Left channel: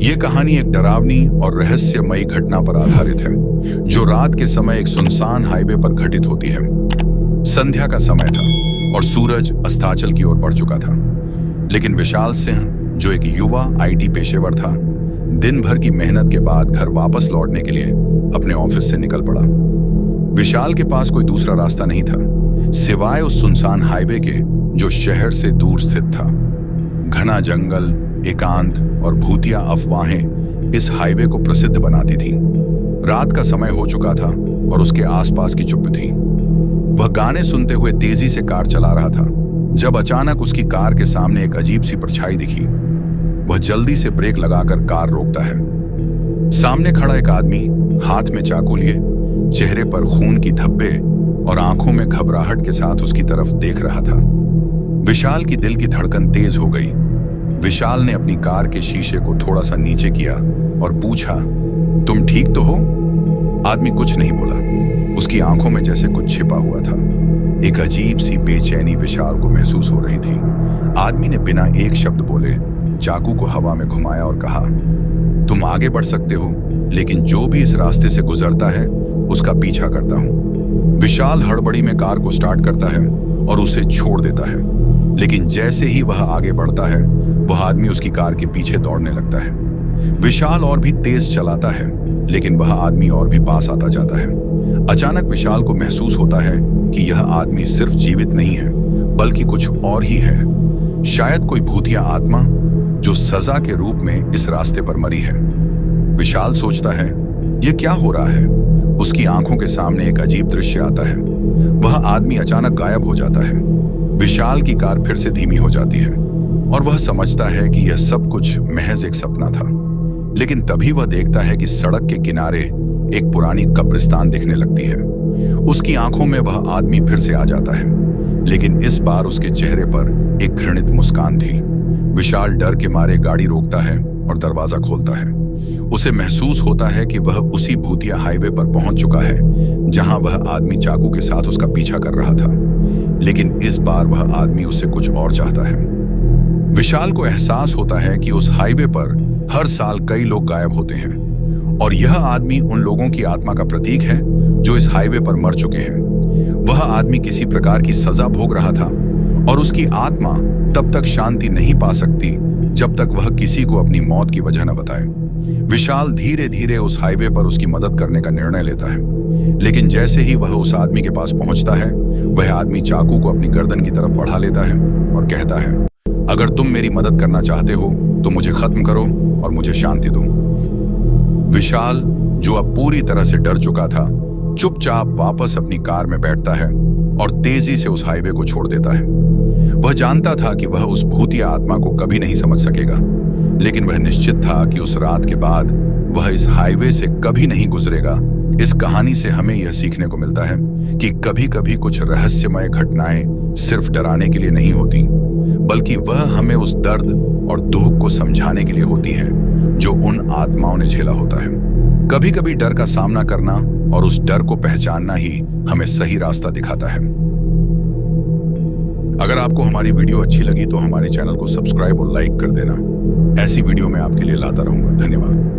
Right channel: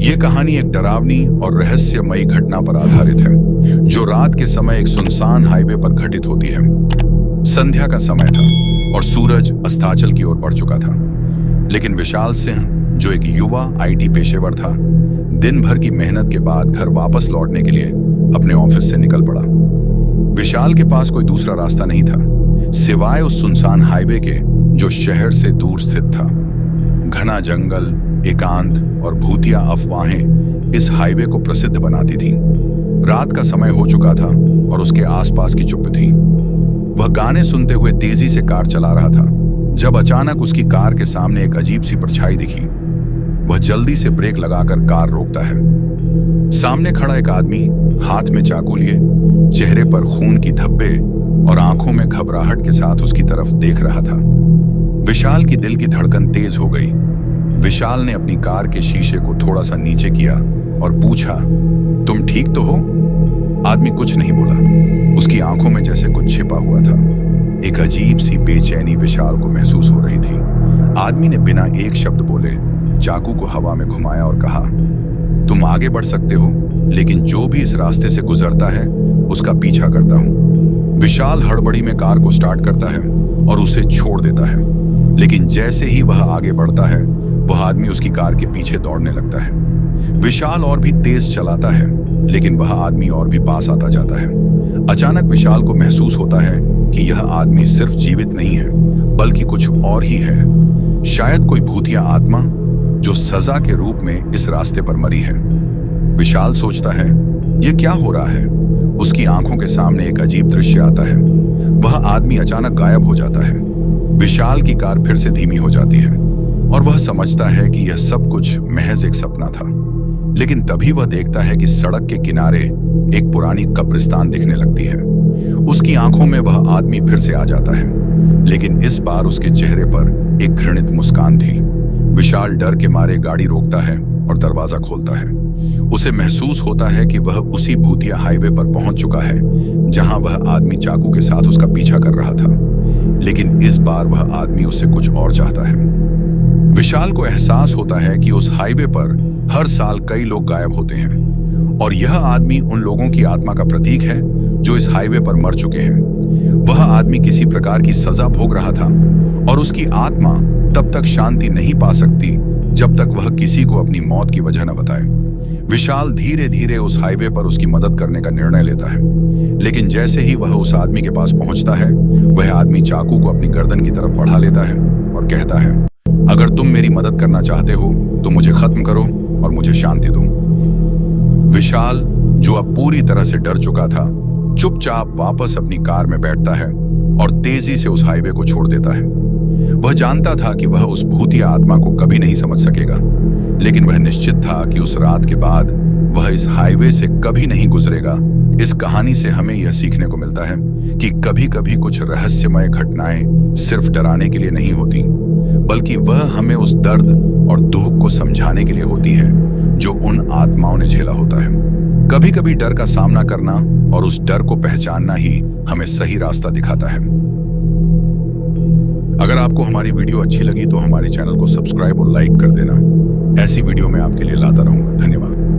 ये कहानी एक डरावनी और रहस्यमयी घटना पर आधारित है, जो रात के समय एक सुनसान हाईवे पर घटित होती है। संध्या का समय था और सूरज अस्ताचल की ओर बढ़ चुका था। लेकिन विशाल सिंह, जो एक युवा आईटी पेशेवर था, दिन भर की मेहनत के बाद घर वापस लौटने के लिए अपने ऑफिस से निकल पड़ा। विशाल के पास कोई दूसरा रास्ता नहीं था, सिवाय उस सुनसान हाईवे के, जो शहर से दूर स्थित था। घना जंगल, एकांत और भूतिया अफवाहें इस हाईवे को प्रसिद्ध बनाती थीं। रात का समय हो चुका था और उसके आसपास की चुप्पी थी। वह गाने सुनते हुए तेजी से कार चला रहा था, जब अचानक उसकी कार के सामने एक अजीब सी परछाई दिखी। वह जल्दी से ब्रेक लगाकर कार रोकता है। सामने खड़ा एक आदमी हाथ में चाकू लिए, चेहरे पर खून की धब्बे और आंखों में घबराहट के साथ उसकी तरफ देख रहा था। विशाल की दिल की धड़कन तेज हो गई। विशाल ने अपनी कार के शीशे को थोड़ा सा नीचे किया और पूछा, तुम ठीक तो हो? आदमी कुछ नहीं बोला। उसकी आंखों में जैसे कुछ छिपा हुआ था। एक अजीब सी बेचैनी विशाल को महसूस हो रही थी। आदमी ने बिना एक शब्द बोले चाकू को हवा में घुमाया और कहा, तुम आगे बढ़ सकते हो, लेकिन जो भी इस रास्ते से गुजरता है उसका पीछा करता हूं। विशाल हड़बड़ी में कार को स्टार्ट करता है और उसे छोड़ देता है। लेकिन जैसे ही वह आगे बढ़ता है, वह आदमी उसकी कार के पीछे दौड़ने लगता है। विशाल और भी तेज चलाता है, लेकिन वह आदमी और भी पास आता जाता है। अचानक विशाल को महसूस होता है कि यह आदमी सिर्फ जीवित नहीं है, बल्कि कुछ और ही है। शायद कोई भूतिया आत्मा जो सजा के रूप में इस रास्ते पर मरी है। विशाल सोचता है, यह क्या हो रहा है? उसकी आंखों के सामने एक अजीब दृश्य आता है। वह आदमी अचानक गायब हो जाता है। विशाल की कार फिर से धीमी हो जाती है और वह समझता है कि यह सब कुछ महज एक सपना था। लेकिन तभी वह देखता है कि सड़क के किनारे एक पुरानी कब्रिस्तान दिखने लगती है। उसकी आंखों में वह आदमी फिर से आ जाता है, लेकिन इस बार उसके चेहरे पर एक घृणित मुस्कान थी। विशाल डर के मारे गाड़ी रोकता है और दरवाजा खोलता है। उसे महसूस होता है कि वह उसी भूतिया हाईवे पर पहुंच चुका है, जहां वह आदमी चाकू के साथ उसका पीछा कर रहा था। लेकिन इस बार वह आदमी उससे कुछ और चाहता है। विशाल को एहसास होता है कि उस हाईवे पर हर साल कई लोग गायब होते हैं और यह आदमी उन लोगों की आत्मा का प्रतीक है जो इस हाईवे पर मर चुके हैं। वह आदमी किसी प्रकार की सजा भोग रहा था और उसकी आत्मा तब तक शांति नहीं पा सकती जब तक वह किसी को अपनी मौत की वजह न बताए। विशाल धीरे धीरे उस हाईवे पर उसकी मदद करने का निर्णय लेता है। लेकिन जैसे ही वह उस आदमी के पास पहुंचता है, वह आदमी चाकू को अपनी गर्दन की तरफ बढ़ा लेता है और कहता है, अगर तुम मेरी मदद करना चाहते हो तो मुझे खत्म करो और मुझे शांति दो। विशाल, जो अब पूरी तरह से डर चुका था, चुपचाप वापस अपनी कार में बैठता है और तेजी से उस हाईवे को छोड़ देता है। वह जानता था कि वह उस भूतिया आत्मा को कभी नहीं समझ सकेगा, लेकिन वह निश्चित था कि उस रात के बाद वह इस हाईवे से कभी नहीं गुजरेगा। इस कहानी से हमें यह सीखने को मिलता है कि कभी कभी कुछ रहस्यमय घटनाएं सिर्फ डराने के लिए नहीं होती, बल्कि वह हमें उस दर्द और दुख को समझाने के लिए होती हैं जो उन आत्माओं ने झेला होता है। कभी कभी डर का सामना करना और उस डर को पहचानना ही हमें सही रास्ता दिखाता है। अगर आपको हमारी वीडियो अच्छी लगी तो हमारे चैनल को सब्सक्राइब और लाइक कर देना। ऐसी वीडियो मैं आपके लिए लाता रहूंगा। धन्यवाद।